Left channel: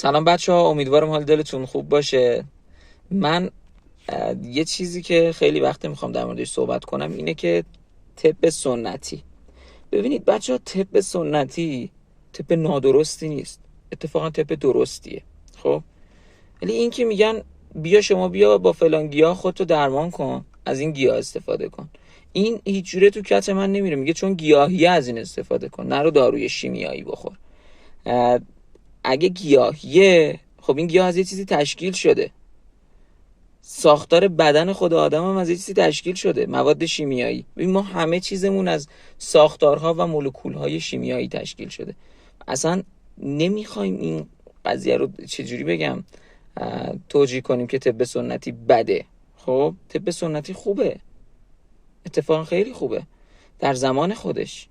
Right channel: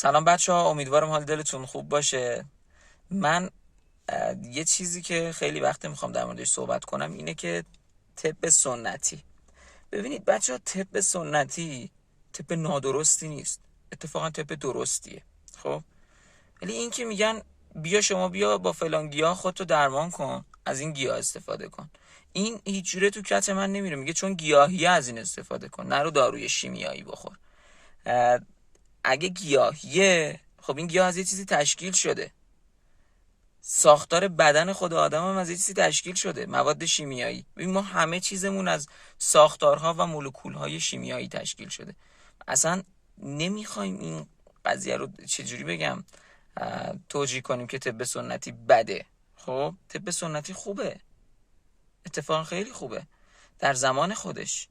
سلام بچه ها، امیدوارم حال دلتون خوب باشه. من یه چیزی که خیلی وقته میخوام در موردش صحبت کنم اینه که طب سنتی. ببینید بچه ها، طب سنتی طب نادرستی نیست، اتفاقا طب درستیه. خب ولی این که میگن بیا با فلان گیاه خودتو درمان کن، از این گیاه استفاده کن، این هیچ جوره تو کت من نمیره. میگه چون گیاهیه از این استفاده کن، نرو داروی شیمیایی بخور. اگه گیاهیه، خب این گیاه از یه چیزی تشکیل شده. ساختار بدن خود آدم هم از یه چیزی تشکیل شده، مواد شیمیایی. ببین ما همه چیزمون از ساختارها و مولکولهای شیمیایی تشکیل شده. اصلا نمیخوایم این قضیه رو چجوری بگم توجیه کنیم که طب سنتی بده. خب طب سنتی خوبه، اتفاقا خیلی خوبه در زمان خودش.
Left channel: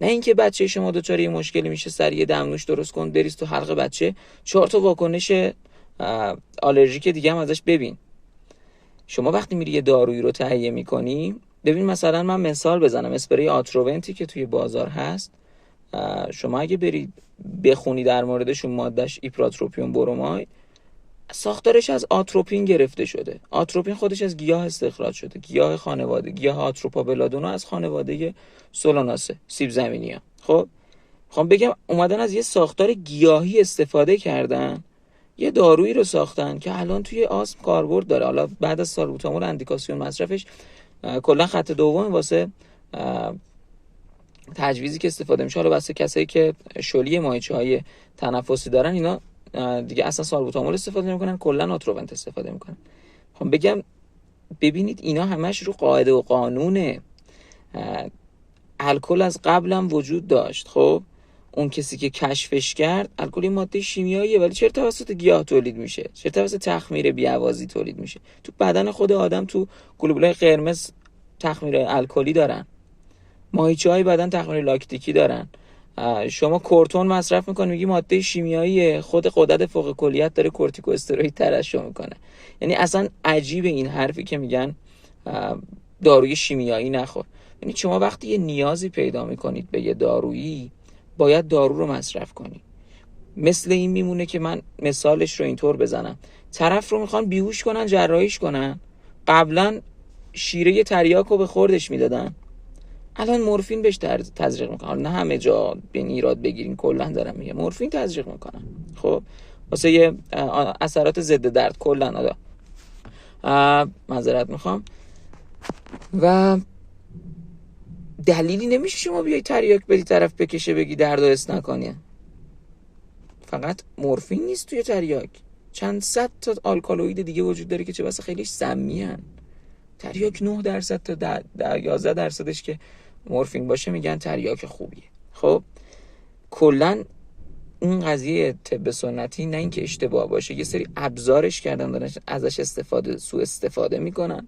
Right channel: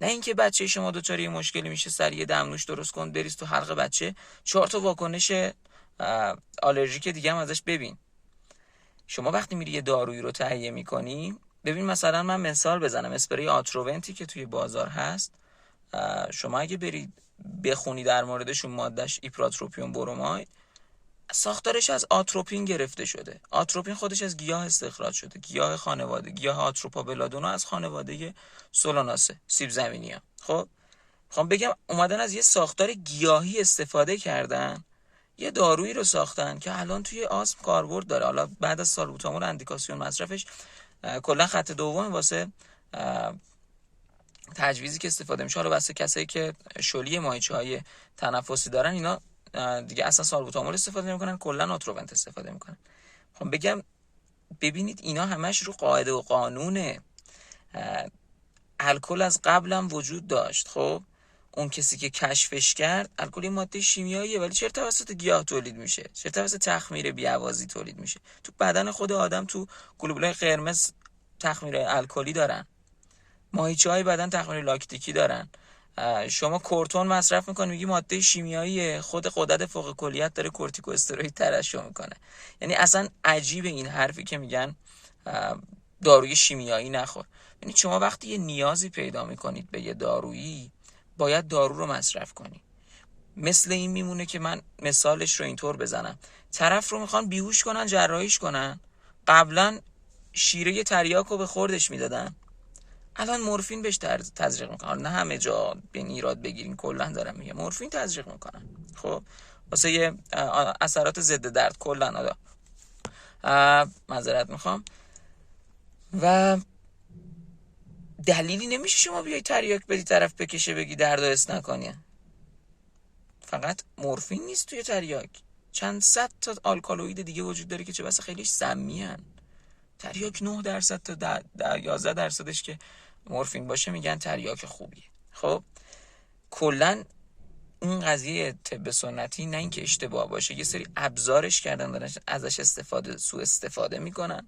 نه اینکه بچه شما دچار یه مشکلی میشه سریع دمنوش درست کن بریز تو حلق بچه، 4 تا واکنش آلرژیک دیگه هم ازش ببین. شما وقتی میری یه دارویی رو تهیه میکنی، ببین مثلا من مثال بزنم، اسپری آتروونتی که توی بازار هست، شما اگه برید بخونی در موردشون، مادهش ایپراتروپیون بروماید، ساختارش از آتروپین گرفته شده. آتروپین خودش از گیاه استخراج شده، گیاه خانواده، گیاه آتروپا بلادونا از خانواده سولاناسه، سیب زمینی ها. خب میخوام بگم اومدن از یه ساختار گیاهی استفاده کردن، یه دارویی رو ساختن که الان توی آسم کاربرد داره. حالا بعد از سالبوتامول اندیکاسیون مصرفش کلا خط دوم واسه تجویزی که استفاده میشه. حالا واسه کسایی که شلی ماهیچه‌های تنفسی دارن، اینا دیگه اصلا سالبوتامول استفاده نمیکنن، کلا آتروونت استفاده میکنن. خب بگم ببینید اینا همش رو قاعده و قانونه. الکل از قبلم وجود داشت. خب اون کسی که کشفش کرد، الکل ماده شیمیاییه، ولی چرا توسط گیاه تولید میشه؟ چرا توسط تخمیر بی‌آوازی تولید میشه؟ تو بدن خود آدم تو گلوبولای قرمز تخمیر الکلی دارن، ماهیچه‌های بدن تخمیر لاکتیکی دارن. شما کورتون مصرف میکنی، میگی ماده شیمیاییه، خود غدد فوق کلیت داره کورتیکو استروئید ترشح میکنه. یعنی اصلا عجیبه این حرفی که میگن داروی شیمیایی نخور. یعنی شما وقتی یه نیازی پیدا میکنید به یه دارویی، باید دارو رو مصرف کنی. مثل این میمونه که من مثالش رو اینطور بزنم، طرف رو میخوان بیهوش کنن، جراحیش کنن، قبلا شیره تریاک رو به خوردش میدادن، الان مورفین بهش تزریق میکنن. نه همه جا به ایراد بگیرین، کلا دارم میگم مورفین تزریق میکنن. خب واسه یه اثرات ضد درد کلا معذرت میخوام. و دلیلی نمیشه شما بیای تریاک بدی طرف بکشه بگی درد نکنی. فقط مورفین نیست توی تریاک، چند صد تا آلکالوئید دیگه وجود داره که چه بسا خیلیش سمی هن. تریاک 9% تا 11%ش که مورفین باشه میگن تریاک خوبیه. خب کلا این قضیه طب سنتی نه اینکه اشتباه باشه، یه سری ابزارش کردن دارن ازش سوء استفاده میکنن.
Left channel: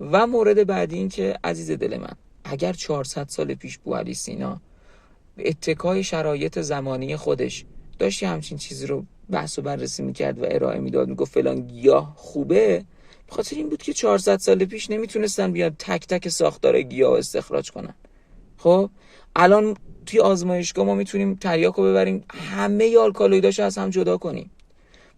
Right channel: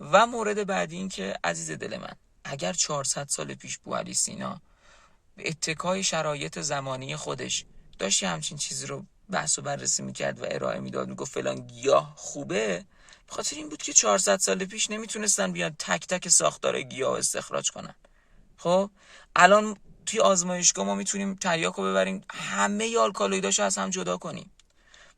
و مورد بعدی این که عزیز دل من، اگر 400 سال پیش بوعلی سینا به اتکای شرایط زمانی خودش داشت همچین چیزی رو بحث و بررسی میکرد و ارائه میداد، میگفت فلان گیاه خوبه، بخاطر این بود که 400 سال پیش نمیتونستن بیاد تک تک ساختار گیاه استخراج کنن. خب الان توی آزمایشگاه ما میتونیم تریاک رو ببریم، همه آلکالوئیداشو از هم جدا کنیم،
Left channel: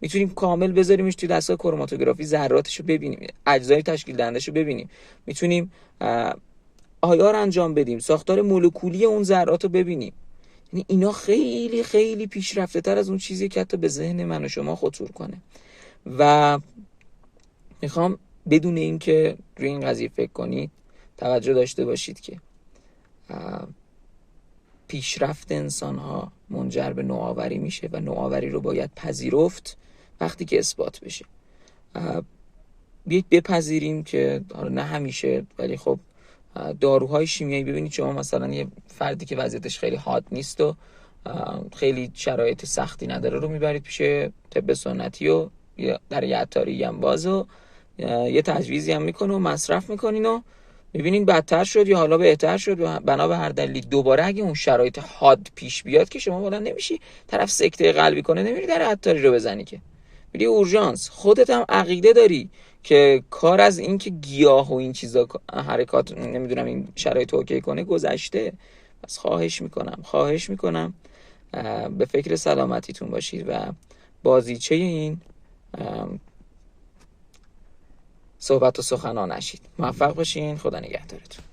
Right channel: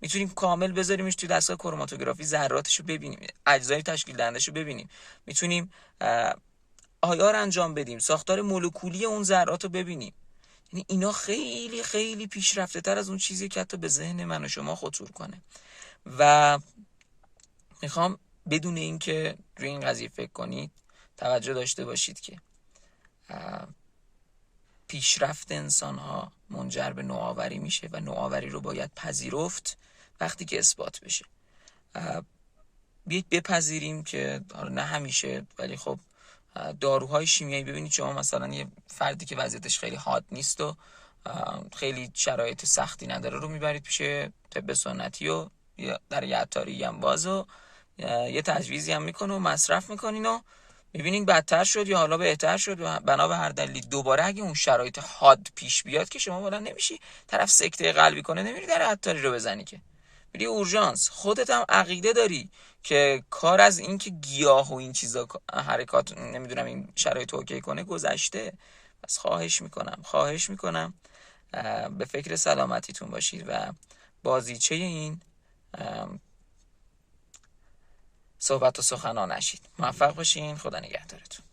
میتونیم کامل بذاریمش توی دستگاه کروماتوگرافی، ذراتشو ببینیم، اجزای تشکیل دهندهشو ببینیم، میتونیم آیار انجام بدیم، ساختار مولکولی اون ذرات رو ببینیم. یعنی اینا خیلی خیلی پیشرفته تر از اون چیزی که حتی به ذهن من و شما خطور کنه. و میخوام بدون این که روی این قضیه فکر کنید توجه داشته باشید که پیشرفت انسان ها منجر به نوآوری میشه و نوآوری رو باید پذیرفت وقتی که اثبات بشه. بیایید بپذیریم که نه همیشه، ولی خب داروهای شیمیایی، ببینید شما مثلا یه فردی که وضعیتش خیلی حاد نیست و خیلی شرایط سختی نداره رو میبرید پیش طب سنتی و در یه عطاری هم باز و یه تجویزی هم میکنه و مصرف میکنین و میبینین بدتر شد یا حالا بهتر شد و بنا به هر دلیلی دوباره اگه اون شرایط حاد پیش بیاد که شما بلند نمیشی، طرف سکته قلبی کنه، نمیری در عطاری رو بزنی که میری اورژانس. خودت هم عقیده داری که کار از این که گیاه و این چیزا حرکات نمیدونم این شرایط اوکی کنه گذشته. پس خواهش میکنم به فکر سلامتیتون باشید و بازیچه این صحبت و سخنان نشید. موفق باشین. خدا نگهدارتون.